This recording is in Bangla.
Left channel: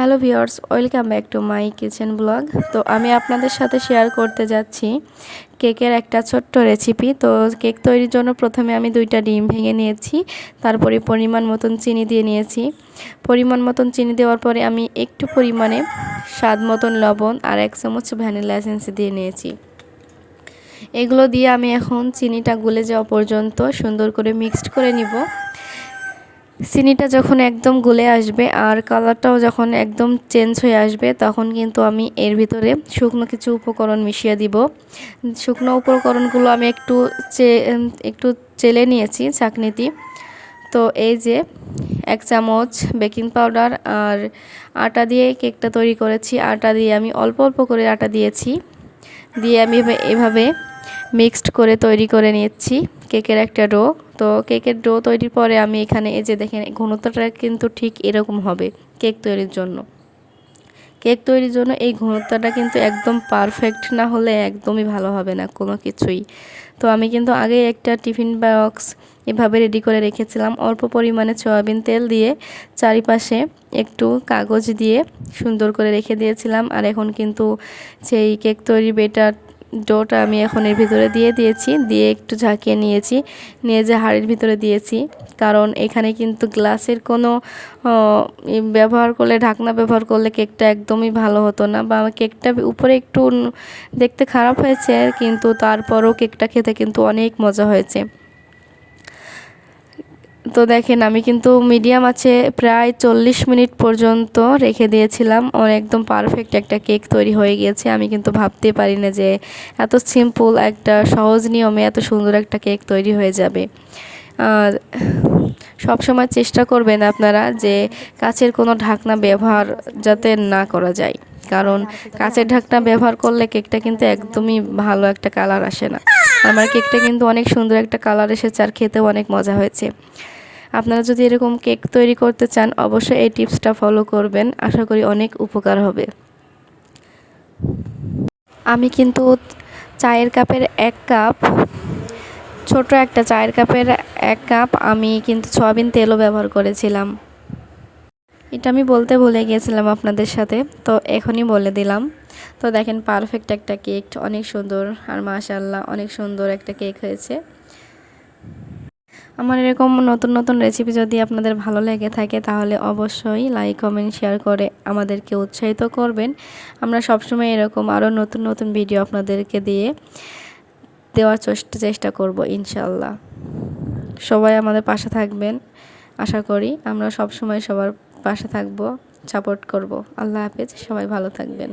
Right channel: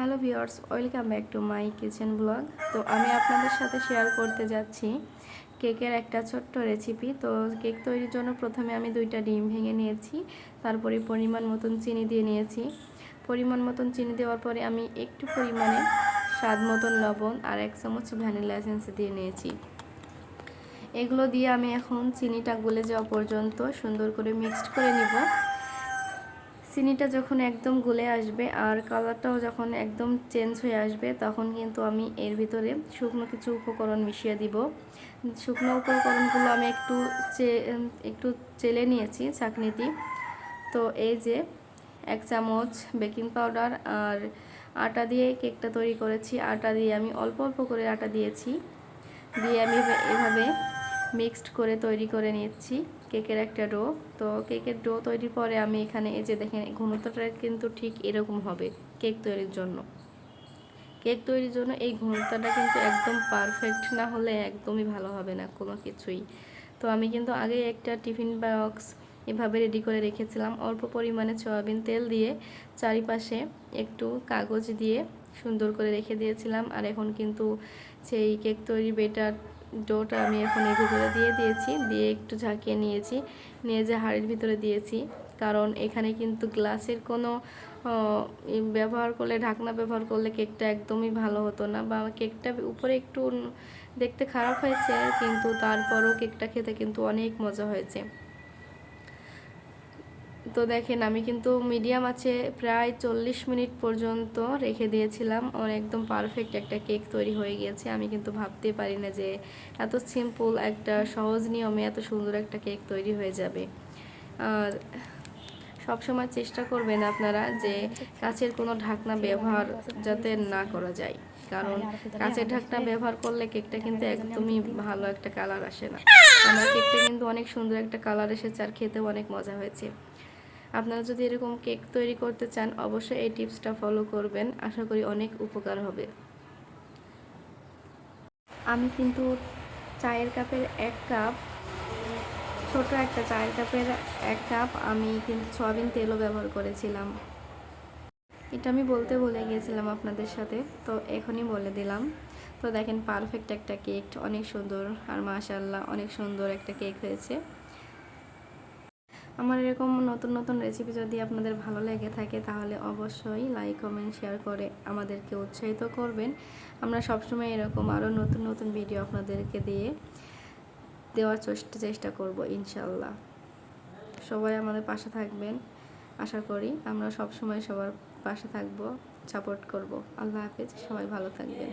Hello viewers, welcome back to my kitchen blog. তো আমি আপনাদের সাথে শেয়ার করতে যাচ্ছি কেকের একটা ছোট্ট রেসিপি। তো কেক তৈরির জন্য প্রথমে আমি 2টা ডিম ভেঙে নিয়েছি, তারপরে পরিমাণ মতন চিনি দিয়ে নিয়েছি। পরিমাণ মতন চিনি দেওয়ার পরে আমি একটু পরিমাণে স্বাদ মতন লবণ আর 1 চামচ ভ্যানিলা এসেন্স দিয়ে নিয়েছি। এগুলো দিয়ে আমি এখন চিনিটা গলে যাওয়া পর্যন্ত সুন্দর করে মিক্সড করে নিব। চিনিটা যখন একদম গলে আসবে আর কালারটাও যখন একদম চেঞ্জ হয়ে আসবে, তখন কিন্তু আমি এর ভিতরে শুকনো কিছু উপকরণ মিশিয়ে দিব। শুকনো উপকরণগুলো আমি একটু চেলে নিয়েছি ছাঁকনিতে। তো এই যে 1 চামচ বেকিং পাউডার আর আটা দিয়ে কেকটা তৈরি করেছি। আটা দিয়ে আমি অল্প অল্প করে আটা দিয়েছি, দিয়ে আমি এভাবে মিক্সড করে তৈরি করে নিচ্ছি কেকের একটা ডো। তো কেকের ডো তৈরির পরে আমি এখানে এই যে দেখেন, ঘনত্বটা কিন্তু ঠিক এরকম হবে কেক তৈরির জন্য। কেক তৈরির জন্য এই ঘনত্বটা কিন্তু একদম পারফেক্ট না হলে একদমই ভালো হবে না কোনো কিছুই। তো আমি কিন্তু আগে একটা টিফিন বক্স এভাবে রেডি করে রেখেছিলাম, অল্প পরিমাণে সয়াবিন তেল দিয়ে চারিপাশে একটু কাগজ দিয়ে সুন্দর করে রেখে দিয়েছিলাম। আর এখন কিন্তু সেই কেক তৈরি বেটার ডোটা আমি এখন এর ভিতরে দিয়ে দিয়েছি, দিয়ে একটু ঝাঁকিয়ে নিয়েছি, নিয়ে যে হাঁড়ির ভিতরে দিয়েছি। কারণ এখানে কিন্তু গ্লাসের কোনো ব্যবহার করলে, ঢাকনা ব্যবহার করলে কেকটা একদমই ভালো হতো না, বা কেকটা উপরে একটু দেখতে খারাপ হয়েছে, কিন্তু তারপরও কেকটা খেতে কিন্তু অনেক মজা হয়েছে। তো দেখেন, আমি কিন্তু মিডিয়াম আছে প্রায় 40 মিনিট পর্যন্ত রেখে দিয়েছিলাম। একদম পারফেক্ট একটা কেক তৈরি হয়ে গিয়েছে। আমি কিন্তু ভাবতে পারি না যে এত সিম্পল একটা সহজ নিয়মে এত সুন্দর একটা কেক তৈরি হয়ে যাবে। সব সময় চেষ্টা করবেন আপনারা যে কাচের কোনো ঢাকনা ব্যবহার যাতে না করা যায়, কারণ কাচের ঢাকনা ব্যবহার করলে কেকটা কিন্তু একদমই ভালো একটা কালার আসে না। আমার কেকটা কিন্তু অনেক সুন্দর একটা কালার এসেছে আর খেতেও অনেক মজা হয়েছে। আপনারা যদি এরকম কেক তৈরি করতে চান, অবশ্যই এই টিপসটা ফলো করবেন, আশা করি অনেক উপকার হবে। আমি কিন্তু চায়ের কাপের 1 কাপ, ছোট একটা চায়ের কাপের 1 কাপ আমি কিন্তু সয়াবিন তেলও ব্যবহার করেছিলাম। এটা আমি বলতে ভুলে গিয়েছিলাম আপনাদের সাথে, তো এখনই বলে দিলাম। তো দেখেন, পারফেক্ট একটা কেক, অনেক সুন্দর, আর মাশাআল্লাহ অনেক সুন্দর একটা কেক হয়েছে। আমার এরকম নতুন নতুন রেসিপি যদি আপনাদের ভালো লেগে থাকে, তাহলে অবশ্যই লাইক কমেন্ট শেয়ার করে আমাদেরকে উৎসাহিত করবেন। আমরা সবসময় এরকম আরও নতুন নতুন ভিডিও আপনাদেরকে দেওয়ার চেষ্টা করব ইনশাল্লাহ। সবাই আমাদের পাশে থাকবেন, আশা করি আমরা সবসময় সবার পাশে থাকব, সাপোর্ট করব। আল্লাহ হাফেজ, সবাই ভালো থাকবেন।